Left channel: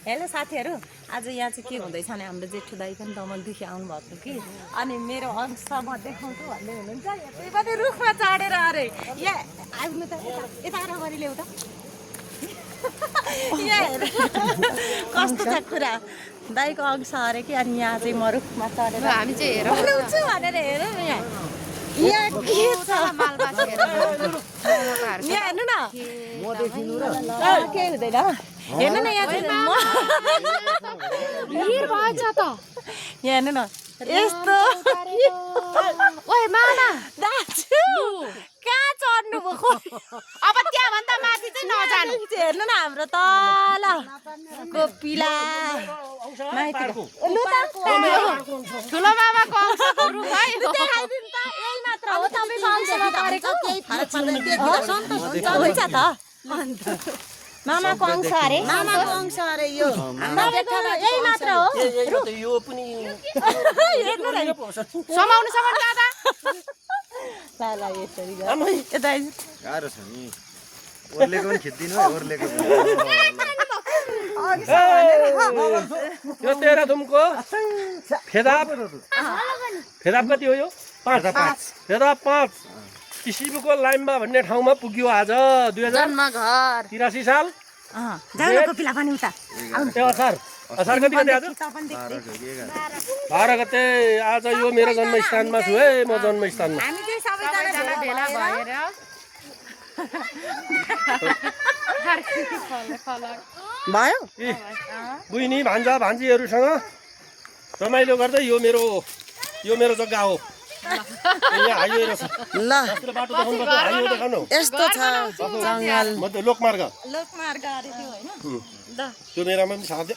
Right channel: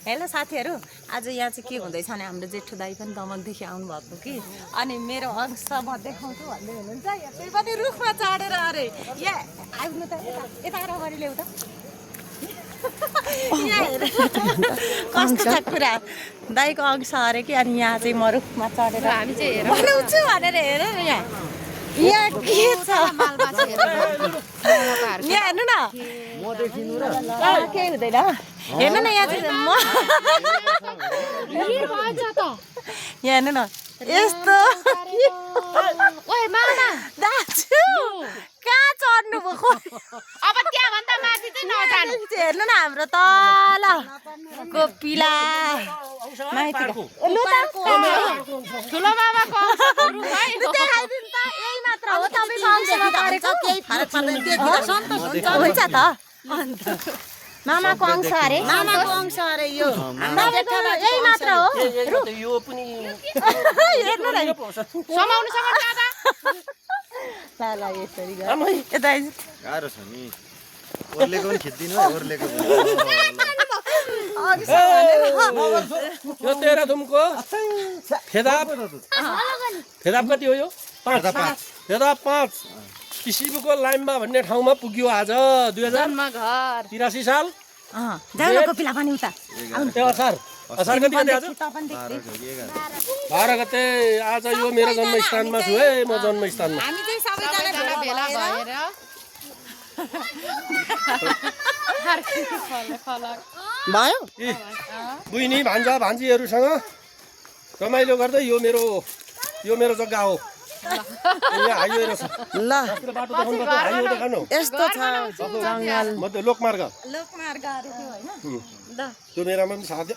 Hello साथीहरू, आज यहाँ चाहिँ के हुँदैछ भने हाम्रो जेठो दाई पनि दमनदेखि आउनुभएको कि अनि मेरो अंश म देखाउँछु भन्दै हुनुहुन्छ। यहाँ त्यही पनि रुखमा चढेर अरे यहाँ आउनु त यता अगाडि ल्याउ त। यहाँ हेर कस्तो छ कुरा, दाईको अंश अरे कि अनि यहाँ चाहिँ म रुखमा चढेर हामी चाहिँ हेराउँछु भनेर हेर न यहाँ के छ। यहाँ हेर्नु न के हुँदैन हेर्नु न यहाँ चाहिँ यहाँ हेर्नु न यस्तो कहाँ चढ्नु भयो अब त्यहाँभन्दा माथि चाहिँ नजानु। हेर्नु न हाम्रो तल कोपिला माथि ठुलो मामाको अंशको रुख है यही मात्र हो। तपाईको अंशमा गरेको केही फरक हुन्छ त मामाको अंश अरे मामाको अंश अरे यो यही मात्र हो। यो पनि समाउनु सक्छ ल यसरी यता गाह्रो छ नि ओर्लेको पनि खिच्दिनु ओर्लेको यो तेह्रथुमको फेदाप कति हो यो 5 फेदाप 5 किसिमको लाइम्बा भन्ने ठाउँमा पुग्यो आज 2083 साल कोपिला पनि उता त्यो असार कति गते आज 12 गते आज यो मेरो जन्मस्थानमा छु है म जन्मस्थानमा हामी चाहिँ सबैजना भेला भएर भयो बुइनी भान्जा भान्जीहरूसँग रमाइलो गर्दै यो मेरो जग्गा हो। यहाँ हाइवे रहेछ ल बाटो देखाउनु पर्छ हाइवे देखाउनु यस्तो छ जंगल लोकमार्ग लोकमार्ग अरे त्यो हैन त्यो मेरामा पनि साथ